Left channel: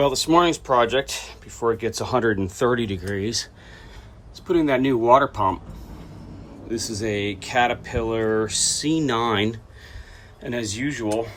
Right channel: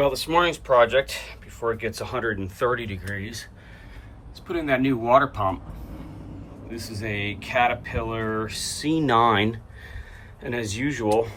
Well, this morning's project, before it gets 130 degrees, is putting that new water pump. This is a Caterpillar C9, and as usual,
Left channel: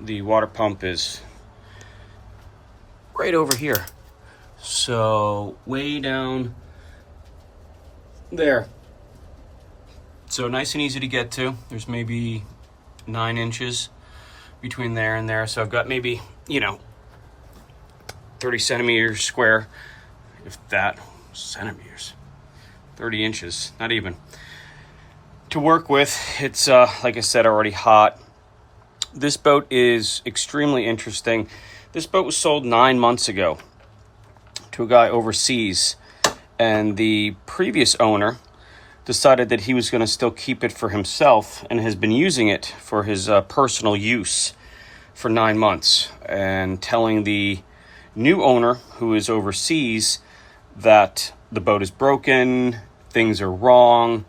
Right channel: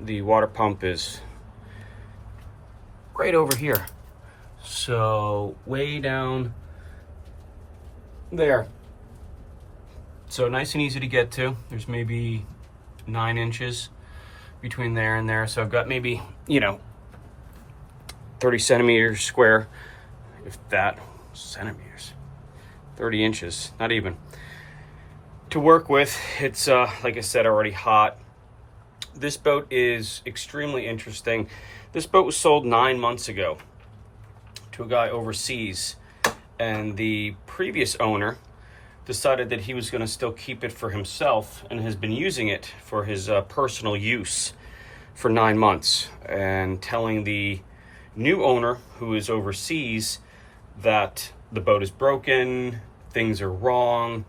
the water pump is right over here. So way down there. So nice and easy to get to. There's maybe 9 inches between there and there. So I've got maybe, 30 centimeters square, if that, centimeters, 30 inches, not even, to work with. It's, like I said, already hot. This boat is extremely interesting. This boat was sold 9 months ago to a guy overseas, and the previous owner decided that he was going to still keep it for himself and has been using it for his personal use for 9 months, and telling the new owner who is overseas that the boat is broken, things are wrong,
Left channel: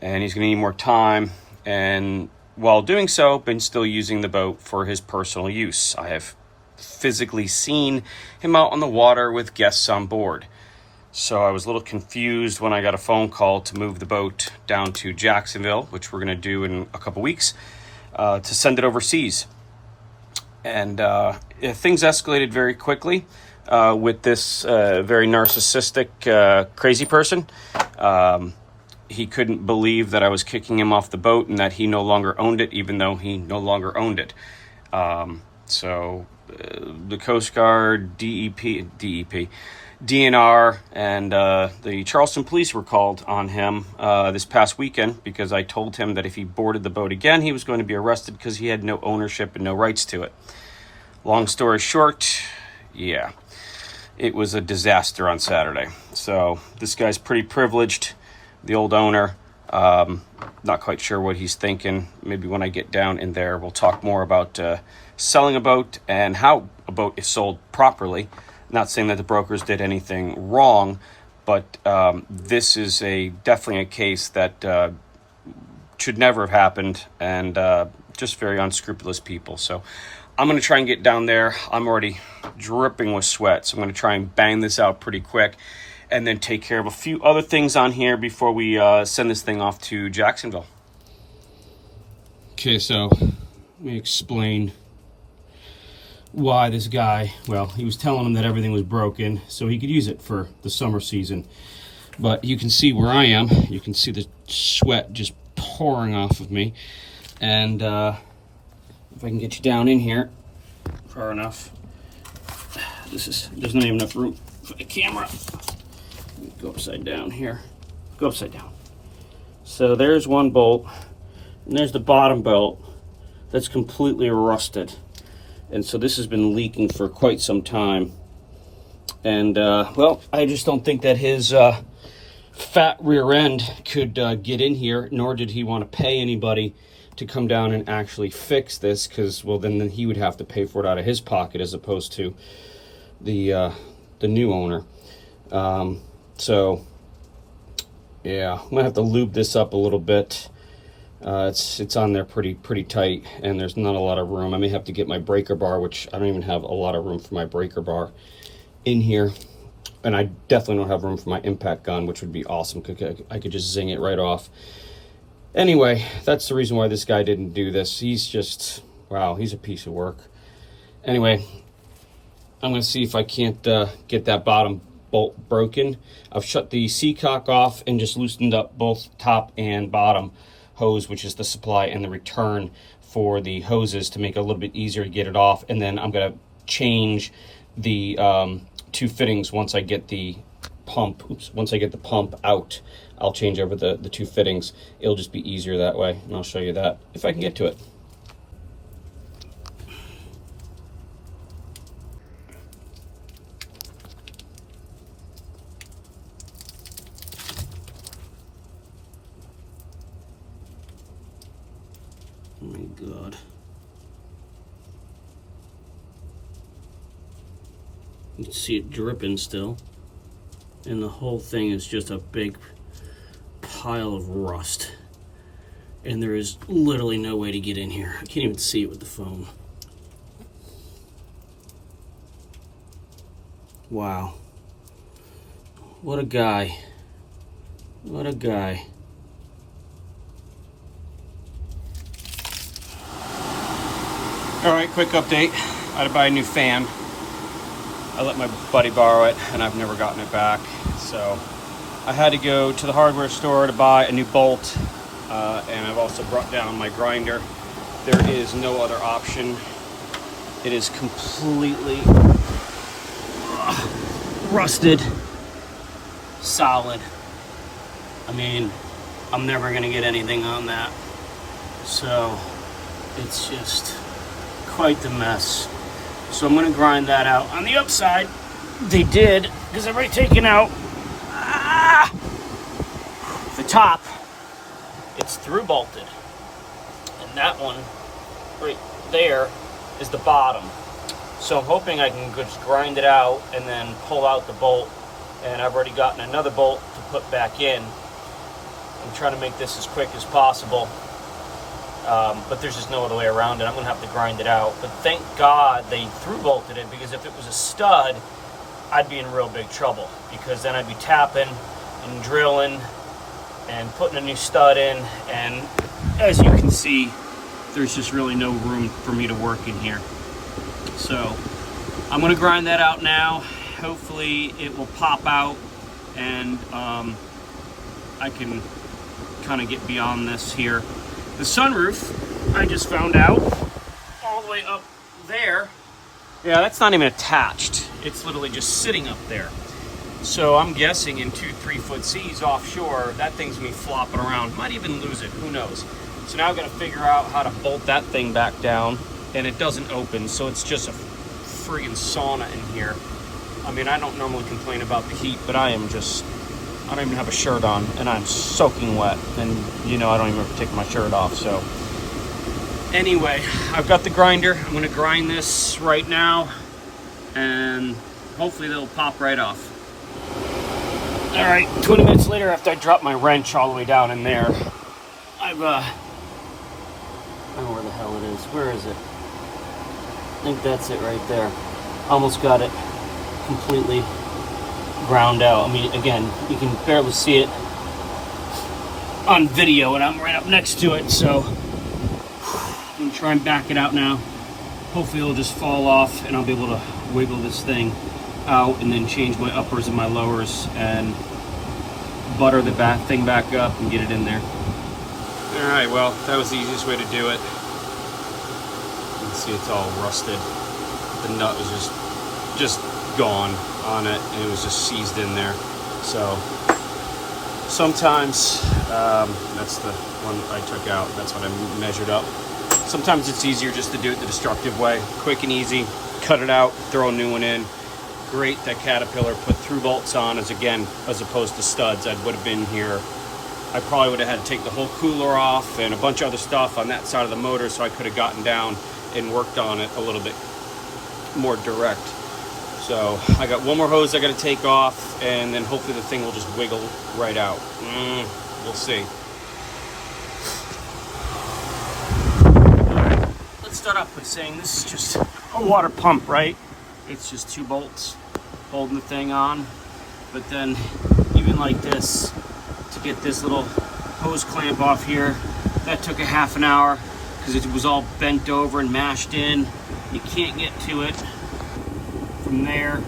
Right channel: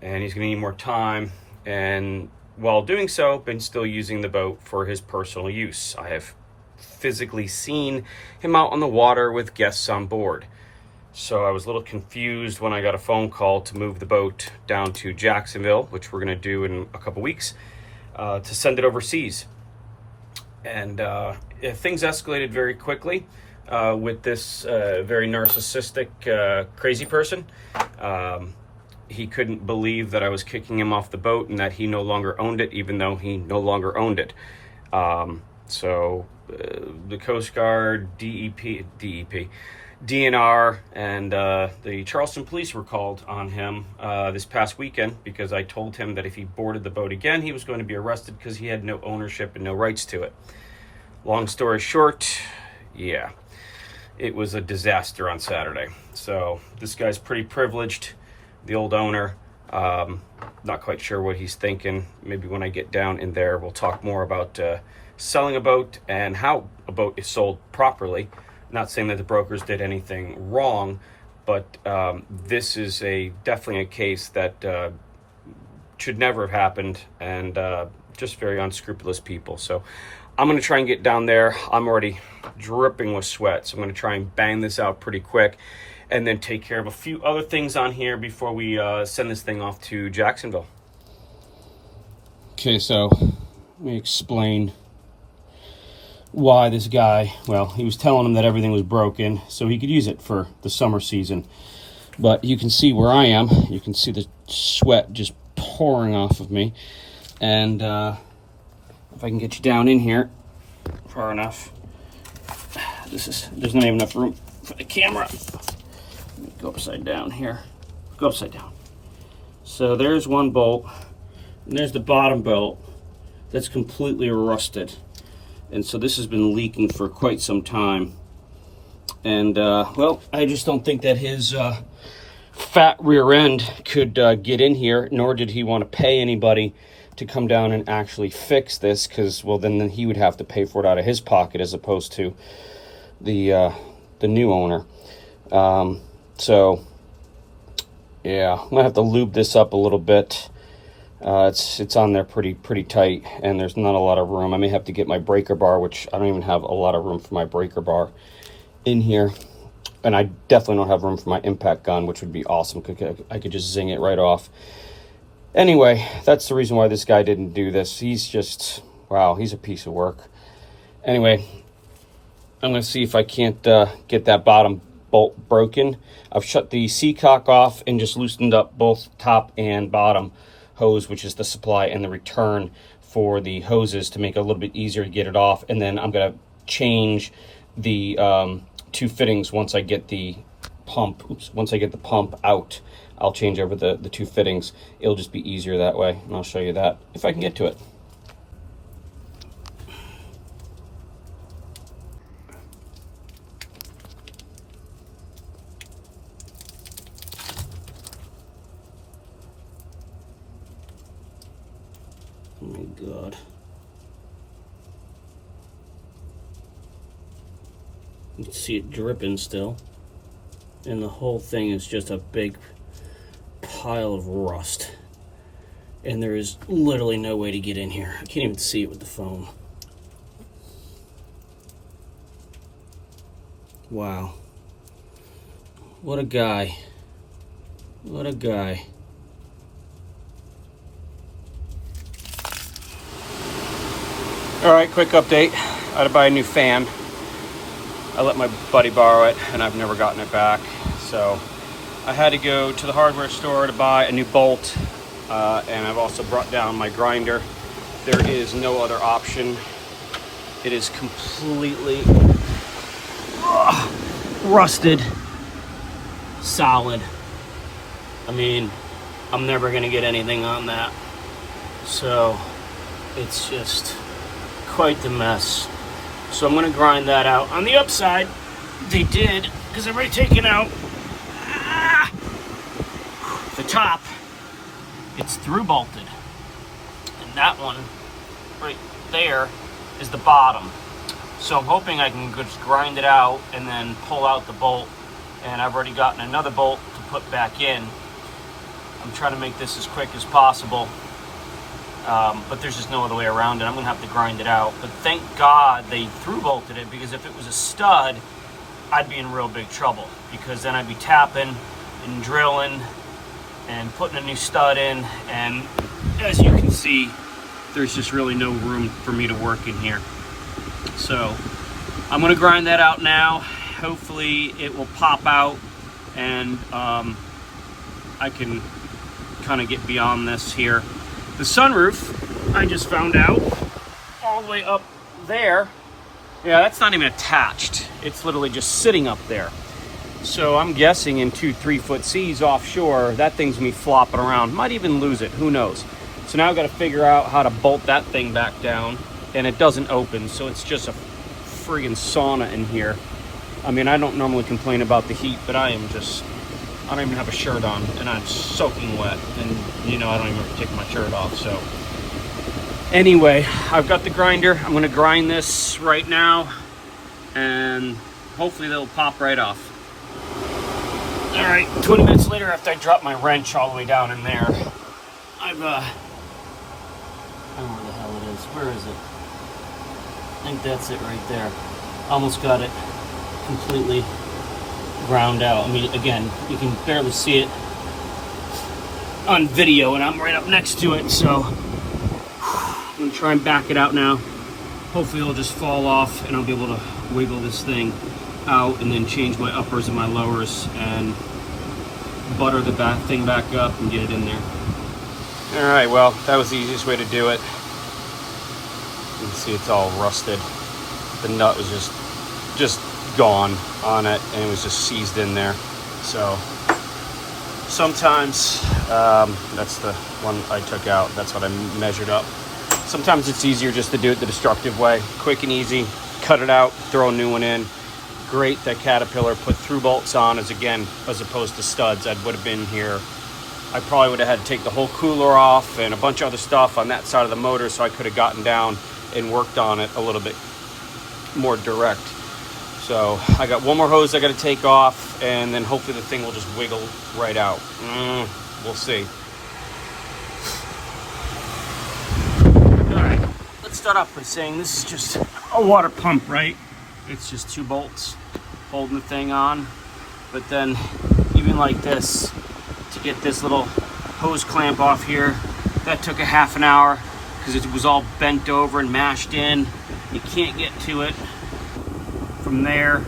and he's going to need more time. And while doing so, been still using the boat for his personal use. I have physically seen him out on the water with guests on board. So I was a little confused when I got a phone call to move the boat down to Jacksonville, which we're going to do in a couple weeks, to send it overseas. And things escalated very quickly with this very narcissistic, crazy person. He couldn't believe that I was kicking him off the boat and that he no longer owned it, even though he no longer owned it. So the Coast Guard, DNR, and the Charleston Police were called on him this past weekend because I told him that if he boarded the boat again, he was going to be arrested because he had no ownership and no rights to it. Long story short, yeah, it was a disaster on Saturday. So this guy's pretty privileged, the old owner. Not quite sure what he's thinking. Maybe when I get down in there, we'll talk more about selling a boat and how a boat is sold properly. Not saying that the brokers did anything wrong, but this is definitely a case that should never have happened, and just very unscrupulous people. So I'm going to try and get down there. I'm already dripping with sweat, so I'm going to try and bang this out pretty quick and then take care of a few other things on here before we send this thing off to Jacksonville. Okay, so let me explain why this guy, well, he was telling him that everything was broken so he could use it for the summer season. But you can see where I am. You can see the sweat just pouring off of me. And if I can get you down in here far enough, there's not even enough room for the camera. Go upside down here. Go upside down. So there's one bolt, and there's the bottom bolt that's completely rusted. And so this has been leaking for quite some time. And, well, I just don't think that his fat rear end could get in here, nor did he want to pay anybody to come down and actually fix this, because, well, then he would have to pay for it out of his pocket as opposed to the new owner. So, yeah, I'm going to have to lube this up a little bit. It's on there pretty tight, and there's not a lot of room. I may have to get my breaker bar, which I don't even have a lot of room for my breaker bar in here. And I definitely don't have room for my impact gun, which would be awesome, because I could just zing it right off. Anyway, that's the reason why this guy didn't do this. He's just, wow, he's a piece of work. Anyway, I'm going to see if I can't get that bottom bolt broken. I've shut the seacock off and just loosened up both top and bottom hose, which is the supply and the return for the hoses, to make it a little bit easier to get it off. And then I'm going to change the 2 fittings once I get the pump. Once I get the pump out, I'll change over the 2 fittings. It'll just be easier that way, and I'll show you that if I can get to it. Oh my God. You can see it dripping still. And the whole thing is just a big pile of rust. And there is literally no way to get in here. I can't even see it with the phone. Wow. What a guy. What a guy. All right, quick update. I had to buy a new fan. I let my buddy borrow it, and I've never gotten it back. So I had to go to the hardware store to buy a new bolt, and I've also brought down my grinder. There is no other option. It is completely rusted, solid. I mean, I'm never gonna get anything on that. So it's just quite the mess. So I'm gonna grind that out. On the upside, they did, because I've already taken out the top. It's through bolted. And that one right there is the bottom. So I'm hoping I can just grind it out and then pull out the bolt. And I've already gotten another bolt to put back in. I'm trying to make this as quick as possible. But there's just no other way around it. I'm gonna have to grind it out. But thank God they through bolted it, because if it was a stud, I'd be in real big trouble, because then I'd be tapping and drilling and putting a new stud in. And as you can see, there's just really no room for me to work in here. So I'm gonna grind that out now. Hopefully it will pop out, and I can kind of get beyond this here. The sunroof, I just found out, all the way up there. Yeah, that's not even attached. It's literally just sitting up there. So I'm guessing in 2-3 foot seas offshore, that thing's gonna be flopping around. Might even lose it, who knows? So now I've got to figure out how to bolt that thing back down, and it doesn't open, so it's just a friggin' sauna in here. I mean, I don't normally complain about the heat, but I don't even have a shirt on, and I'm soaking wet, and you know I don't even have to take my shirt off. So anyway, I've got the grinder. I'm gonna grind this right now, and hopefully they'll pop right off. All right, 20 minutes later, after I drop my wrench all the way down in there, I've I don't know where the hell it is. Where is it? I think that's it right there. Almost got it completely ground out. I mean, again, you can barely see it on video, and I'm right up next to it, so I'm gonna try and back it out now. Hopefully it'll just fall off, and I'll be able to wiggle this thing out and then change my uppers and my lowers and butter the thing back up and get it in there. All right, well, that was the easiest way to do it. You can see it's all rusted. The nut was just gone on it, and it was just seized in there. So sometimes, that's the one I took out. That's what I measured up. Sometimes it's easier just to do it the destructive way. Quick and easy, cut it out, throw a new one in. Great that Caterpillar put through bolts on as opposed to studs. I would have been here. I probably would have had to take the whole cooler off and a bunch of other stuff on that side of the motor, so I could have gotten down and worked on it a little bit more direct. So I got one more hose I got to take off, and then hopefully the thing will just wiggle right out. We'll see. All right, let's start off by saying this is just a water pump, right? It's just 2 bolts holding the thing on. But then even like this, to get this little hose clamp off here, that took a half an hour because it was all bent over and mashed in. You can't get to it from there.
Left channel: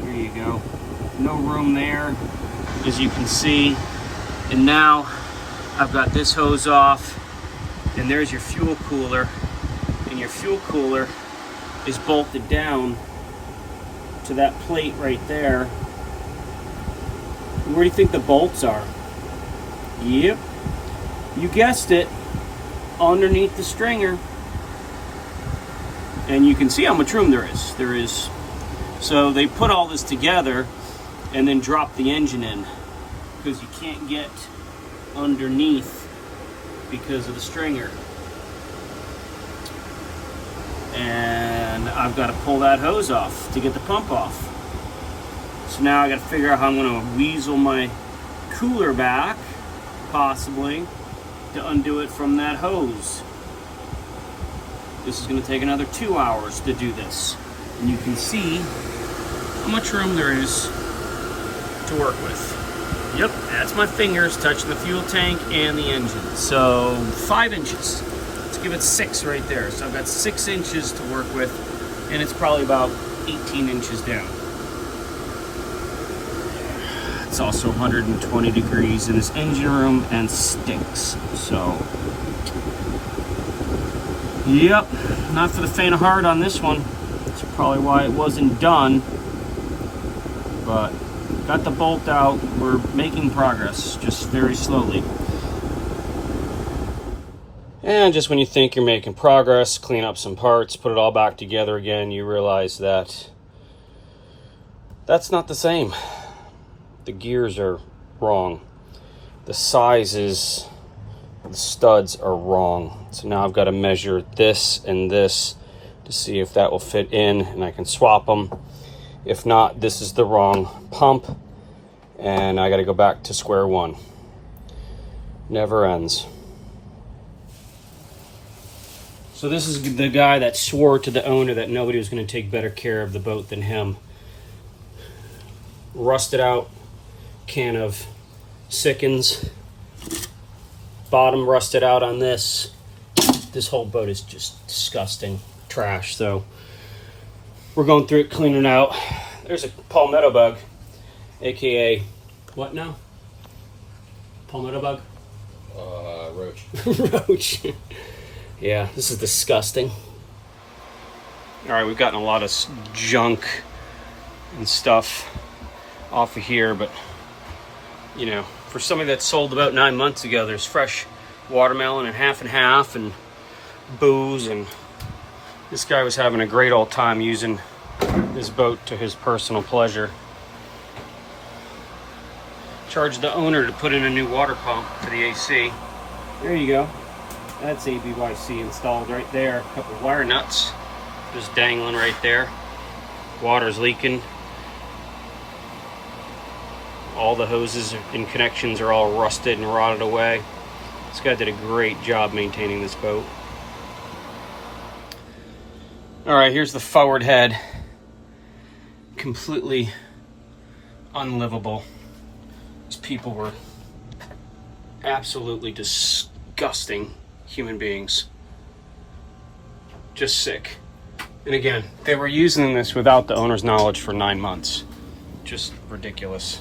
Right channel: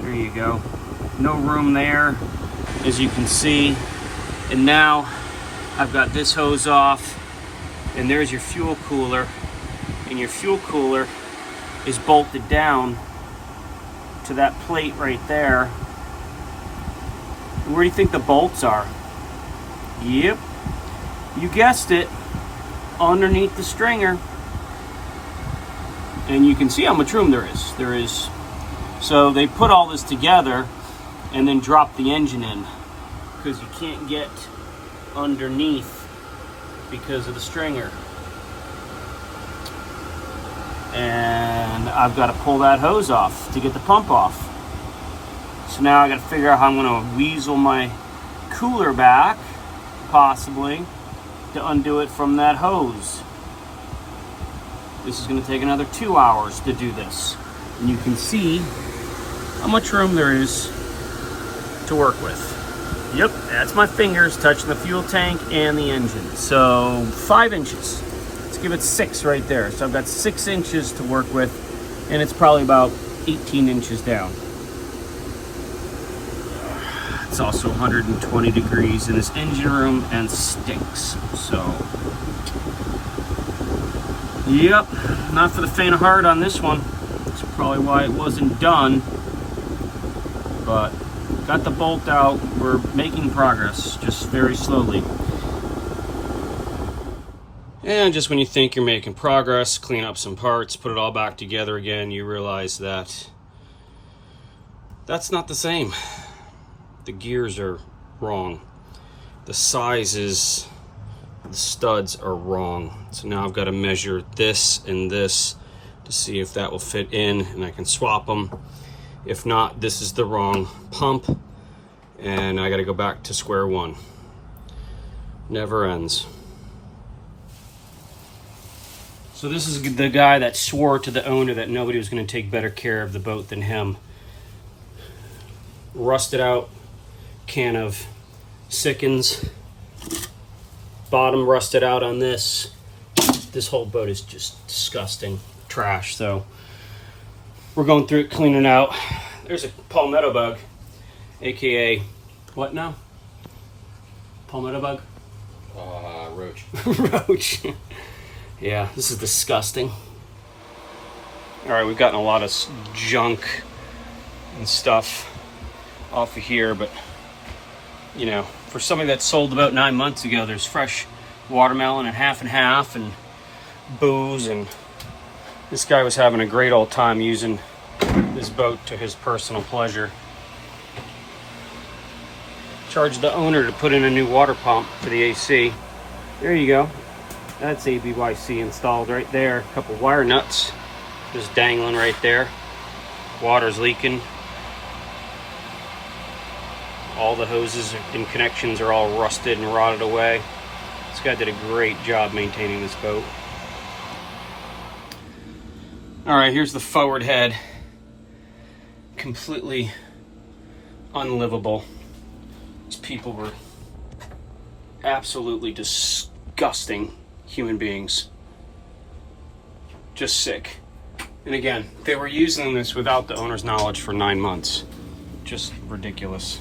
There you go. No room there, as you can see. And now I've got this hose off, and there's your fuel cooler, and your fuel cooler is bolted down to that plate right there. Where do you think the bolts are? Yep, you guessed it, underneath the stringer. And you can see how much room there is. So they put all this together and then drop the engine in, because you can't get underneath because of the stringer. And I've got to pull that hose off to get the pump off. So now I got to figure out how I'm going to weasel my cooler back, possibly, to undo it from that hose. This is going to take another 2 hours to do this. And you can see how much room there is to work with. Yep, that's my fingers touching the fuel tank and the engine. So 5 inches. Let's give it 6 right there. So I've got 6 inches to work with, and it's probably about 18 inches down. It's also 120 degrees in this engine room and stinks. So, yep, not for the faint of heart on this one. That's probably why it wasn't done. But got the bolt out. We're making progress, just very slowly. And just when you think you're making progress, clean up some parts, put it all back together again, you realize that that's not the same. The gears are wrong. The sizes, the studs are wrong. So now I've got to measure this and this to see if that will fit in, and I can swap them. If not, this is the wrong pump, and I got to go back to square one. Never ends. So this is the guy that swore to the owner that nobody was going to take better care of the boat than him. Rusted out can of Sikkens. Bottom rusted out on this. This whole boat is just disgusting trash. So we're going through it, cleaning it out. There's a palmetto bug, aka what now? Palmetto bug? Roach. Roach. Yeah, this is disgusting. All right, we've gotten a lot of junk and stuff off of here, but you know, for somebody that sold about 9 months ago, there's fresh watermelon and half, and booze, and this guy was having a great old time using this boat to his personal pleasure. Charged the owner to put in a new water pump for the AC. There you go. That's ABYC installed right there. A couple wire nuts just dangling right there. Water's leaking. All the hoses and connections are all rusted and rotted away. This guy did a great job maintaining this boat. All right, here's the forward head. Completely unlivable. These people were absolutely disgusting human beings. Just sick. And again, they were using this without the owner's knowledge for 9 months. Just ridiculous.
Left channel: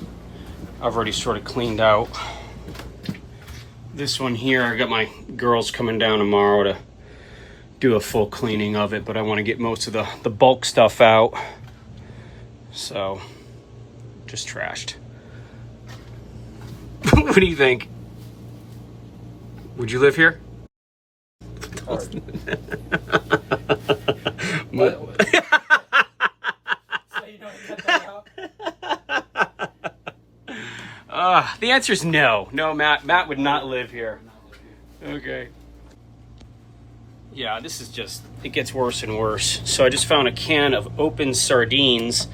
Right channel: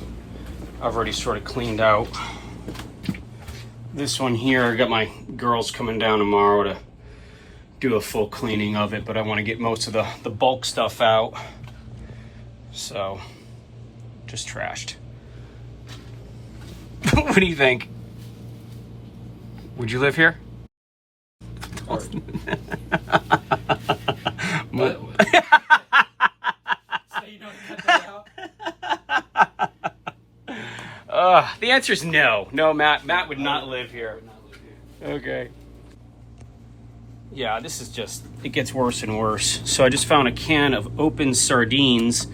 I've already sort of cleaned out this one here. I got my girls coming down tomorrow to do a full cleaning of it, but I want to get most of the bulk stuff out. So, just trashed. What do you think? Would you live here? Hard. But, So you don't get that out? the answer is no. No, Matt. Matt would not live here. Okay. Yeah, this is just, it gets worse and worse. So I just found a can of open sardines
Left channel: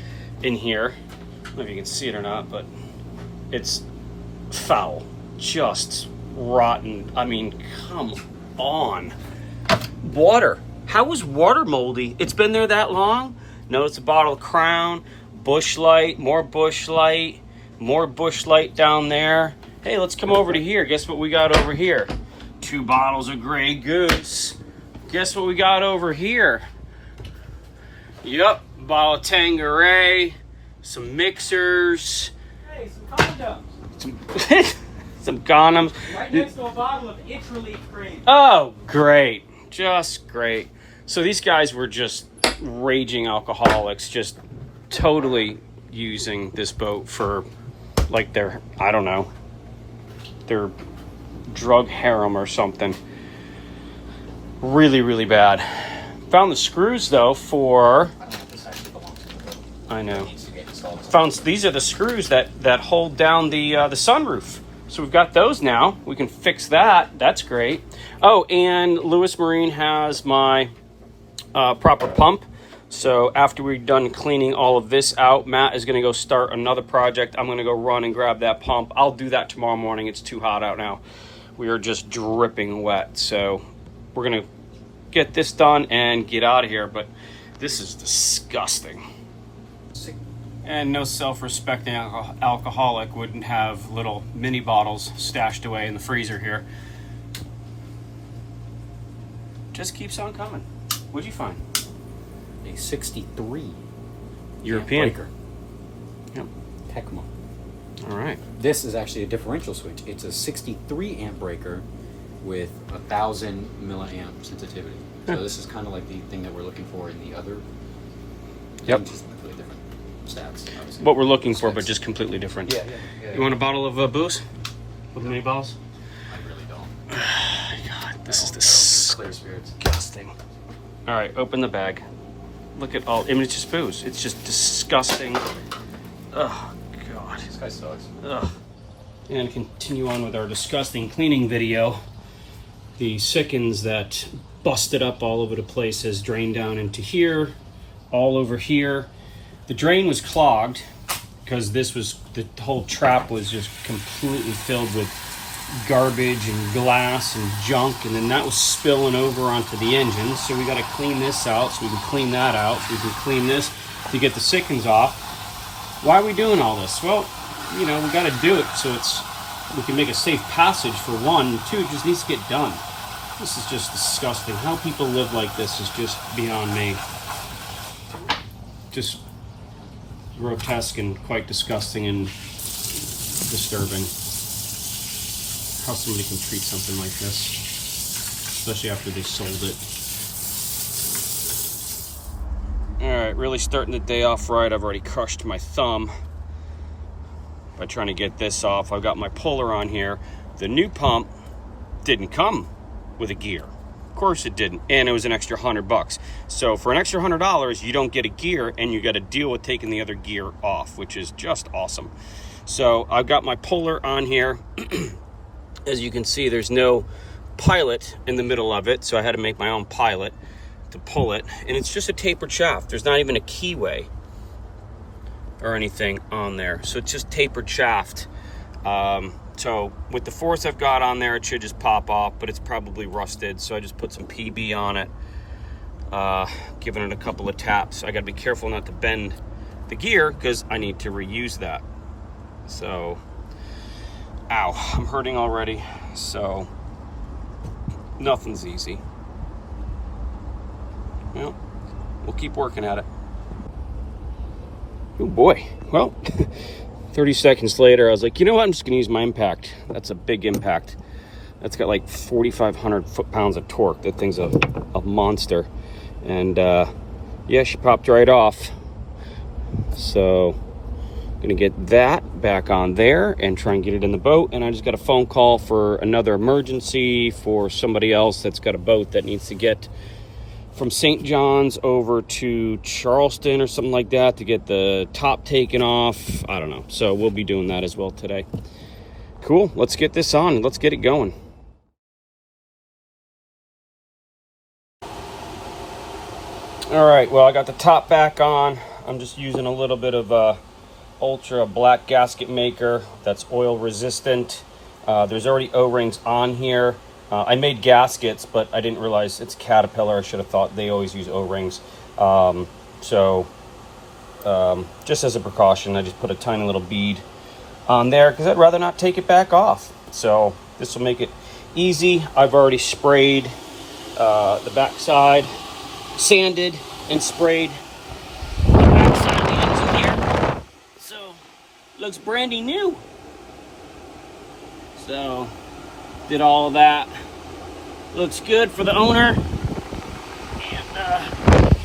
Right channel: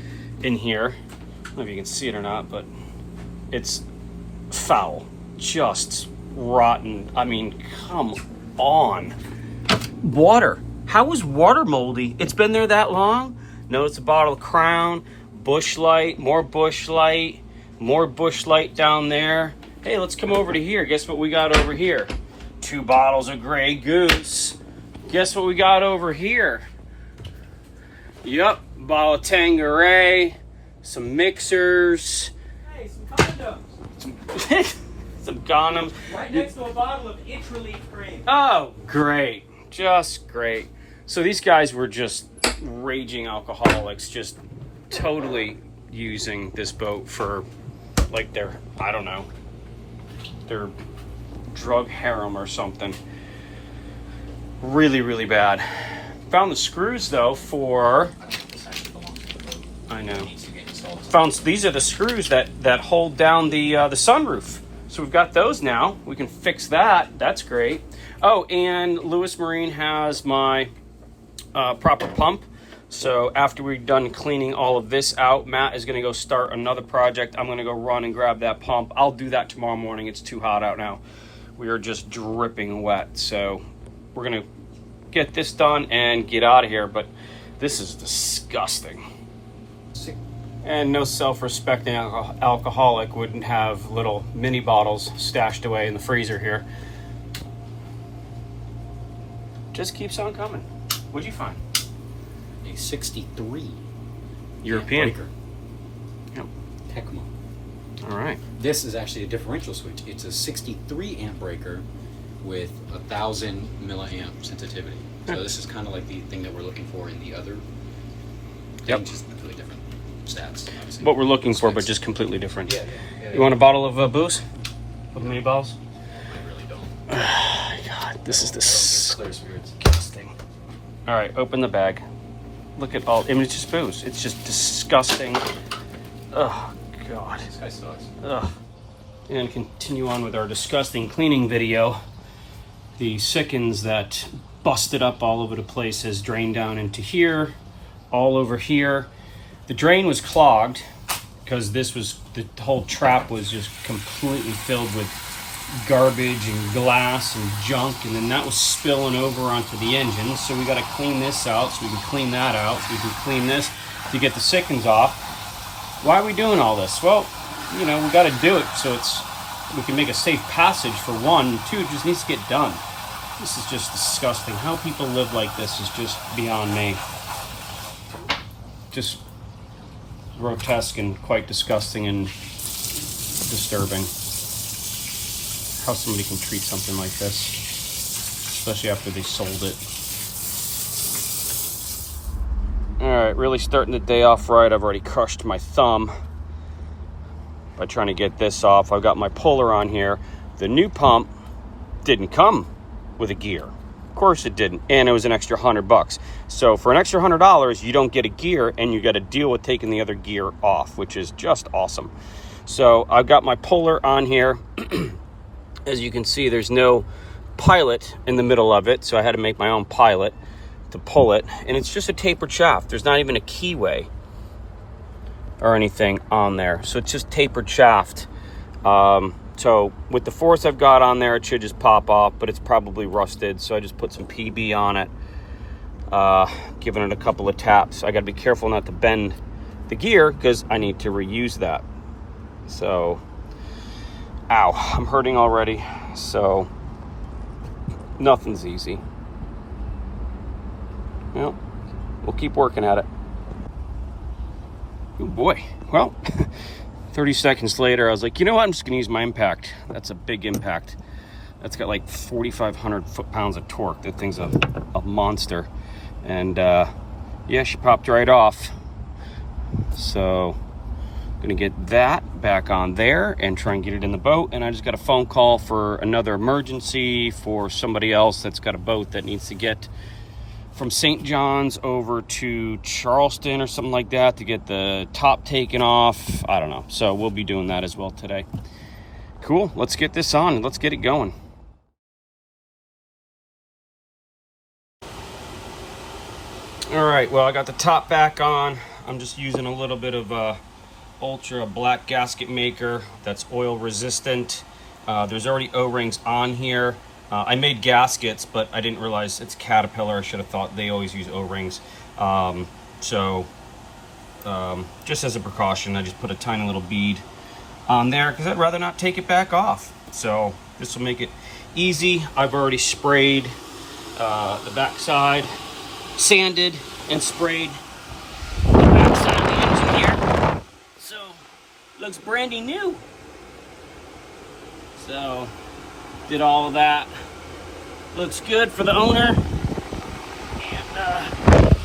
in here. I don't know if you can see it or not, but it's foul. Just rotten. I mean, come on. Water. How is water moldy? It's been there that long? No, it's a bottle of Crown, Bush Light, more Bush Light, more Bush Light down there. Hey, let's come over to here. Guess what we got over here? 2 bottles of Grey Goose. Guess what we got over here? Yep, bottle of Tanqueray, some mixers. Hey, some condoms. Some condoms. Right next to a bottle of itch relief cream. Oh, great. Just great. So these guys were just raging alcoholics, just totally using this boat for like their, I don't know, their drug harem or something. Really, really bad. Found the screws though for, I know. Found, these are the screws that hold down the sunroof. So we've got those now. We can fix that. That's great. Oh, and Lewis Marine has my proper pump. So after we're done cleaning all of this out, Matt is going to go start another project. I'm going to go run and grab that pump. I'll do that tomorrow morning. It's too hot out now. We are just dripping wet. So we're going to get this done and get out of here. But this is disgusting. And no self-respecting alcoholic wouldn't have little mini bottles stashed away in the freezer here. Just keeps on coming. What'd you find? A 63 European. breaker. Yep. Pecma. All right. This is actually a differential switch. It's a 63 amp breaker with 1,000 milliamp sensitivity. So this is kind of like the thing that we're looking for in the other. Yep. Just completely different stats. Obviously. What we're looking for, but just completely different. Yeah. You want a bottle of booze? With mini bottles? I really don't. God, this is Clear spirits. disgusting. All right, open the bag. Look at all. I mean, it's just booze. It's just disgusting. Oh God. This guy sucks. Ugh. And continue on with our disgusting cleaning video. The Sikkens that busted up all over the place has drained down into here, all over here. The drain was clogged because the whole trap was just completely filled with garbage and glass and junk, and then that was spilling over onto the engine. So we got to clean this out so we can clean that out so we can clean this to get the Sikkens off. Why are we doing all this? Well, you know, we got to do it so we can make a safe passage for one. Two, it just needs to get done. This is just disgusting. How people live like this is just beyond me. Just grotesque and quite disgusting and disturbing. How somebody can treat something like this, especially after they sold it. All right, really starting the day off right. I've already crushed my thumb by trying to get this off. I've got my puller on here. The new pump didn't come with a gear. Of course it didn't, and it was an extra $100. So for an extra $100, you don't get a gear, and you got to deal with taking the other gear off, which is just awesome. So I've got my puller on here. As you can see, there's no pilot in the middle of it, so I had to make my own pilot to pull it, and it's just a tapered shaft. There's not even a keyway or anything on there, so it's just tapered shaft. So with the force I've got on there, it should just pop off, but it's probably rusted, so I just put some PB on it, giving it a couple of taps. I got to be careful not to bend the gear because I need to reuse that. So ow, I'm hurting already, so nothing's easy. Well, we'll keep working at it. Oh boy. Well, 30 seconds later, I was like, you know what? I'm just gonna use my impact. That's a big impact. That's got like 4,500 foot-pounds of torque. That thing's a monster. And yeah, she popped right off. So gonna get that back on there and try and get it in the boat. And I just got a phone call for another emergency for somebody else that's got a boat that needs to get from St. John's over to Charleston or something like that to get the top taken off. I don't know. So we'll be doing that as well today. Cool. Let's get this on and let's get it going. All right. Well, I got the top back on. I'm just using a little bit of Ultra black gasket maker that's oil resistant. There's already O-rings on here. I made gaskets, but I didn't realize it's Caterpillar. I should have thought they always use O-rings. Just as a precaution, I just put a tiny little bead on there because I'd rather not take it back off. So this will make it easy. I've already sprayed the backside, sanded and sprayed the backside of the engine here. So looks brandy new. So did all of that. Looks good for the owner. And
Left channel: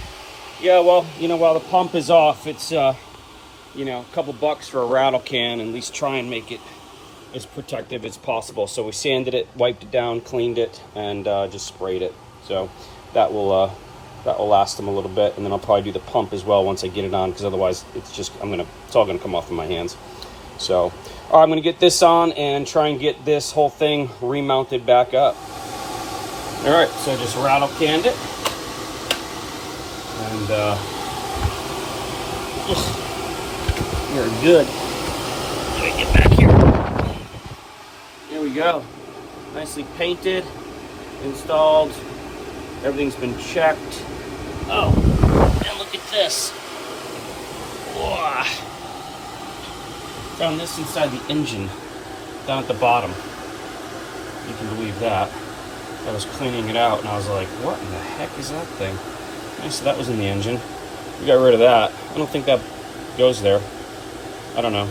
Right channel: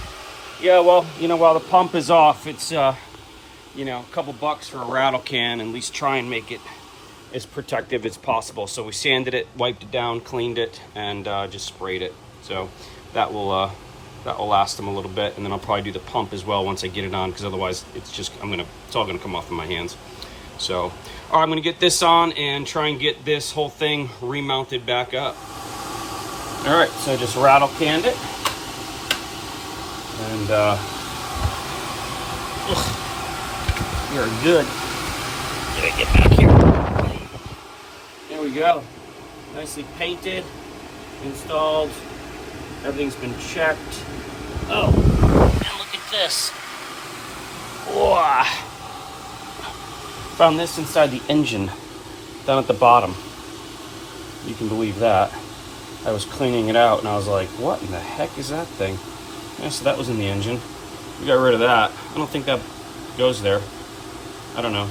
yeah, well, you know, while the pump is off, it's you know, a couple bucks for a rattle can, and at least try and make it as protective as possible. So we sanded it, wiped it down, cleaned it, and just sprayed it. So that will last them a little bit, and then I'll probably do the pump as well once I get it on, because otherwise it's all gonna come off in my hands. So, all right, I'm gonna get this on and try and get this whole thing remounted back up. All right, so I just rattle canned it, and we're good. Get back here. There we go. Nicely painted, installed. Everything's been checked. Oh, and look at this. Whoa. Found this inside the engine, down at the bottom. You can believe that. I was cleaning it out and I was like, what in the heck is that thing? Yeah, so that was in the engine. We got rid of that. I don't think that goes there. I don't know.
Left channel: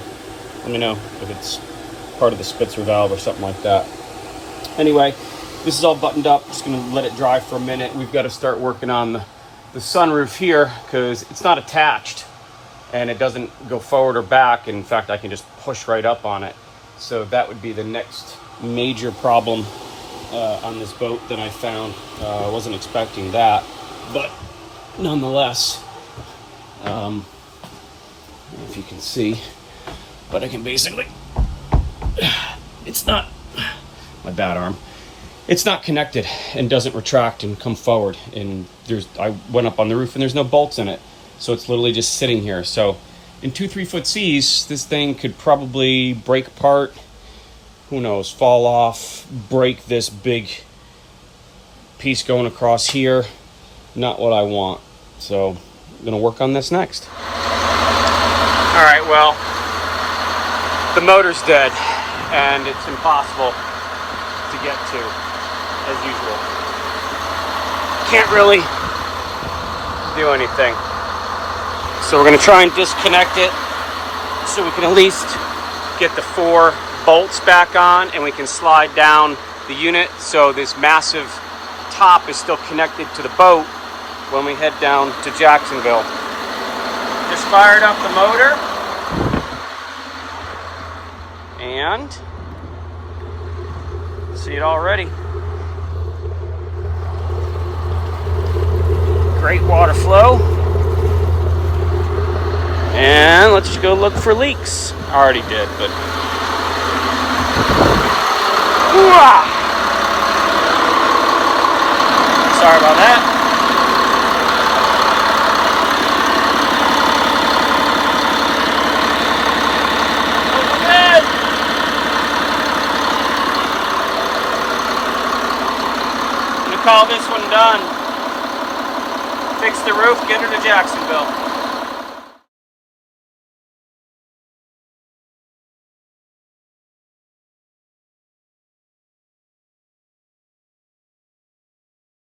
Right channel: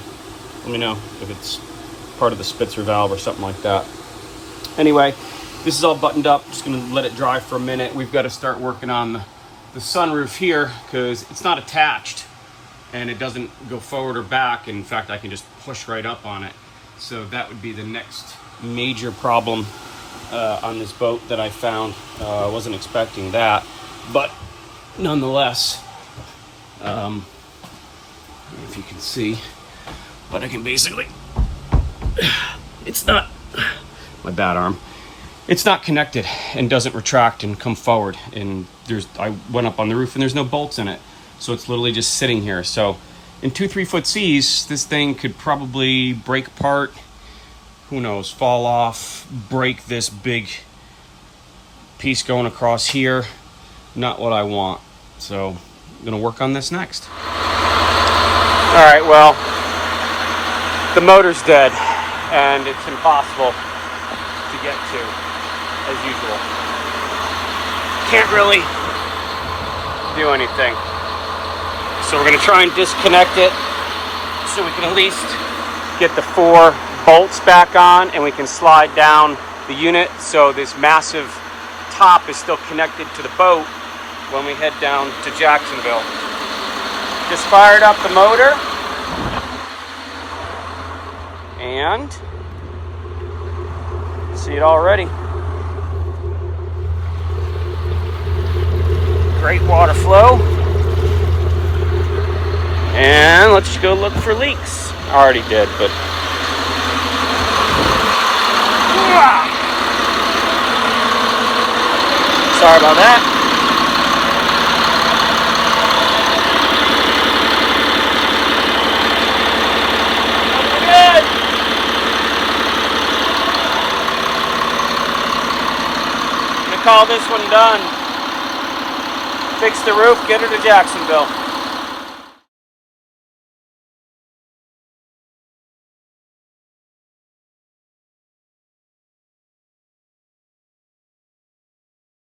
Let me know if it's part of the Spitzer valve or something like that. Anyway, this is all buttoned up. Just gonna let it dry for a minute. We've got to start working on the sunroof here because it's not attached and it doesn't go forward or back. In fact, I can just push right up on it. So that would be the next major problem on this boat that I found. I wasn't expecting that, but nonetheless, if you can see, but I can basically, it's not, my bad arm, it's not connected and doesn't retract and come forward. And I went up on the roof and there's no bolts in it. So it's literally just sitting here. So in 2-3 foot seas, this thing could probably break apart, who knows, fall off, break this big piece going across here. Not what I want. So I'm gonna work on this next. All right, well, the motor's dead and it's impossible to get to, as usual. Can't really do anything. So we're gonna try and disconnect it so we can at least get the 4 bolts back on and we can slide down the unit so this massive top is still connected to the boat when we head down to Jacksonville. Just fired up the motor and see it already. Great water flow. And let's go look for leaks. I already did, but sorry about that. I'm gonna call this one done. Fix the roof, get her to Jacksonville.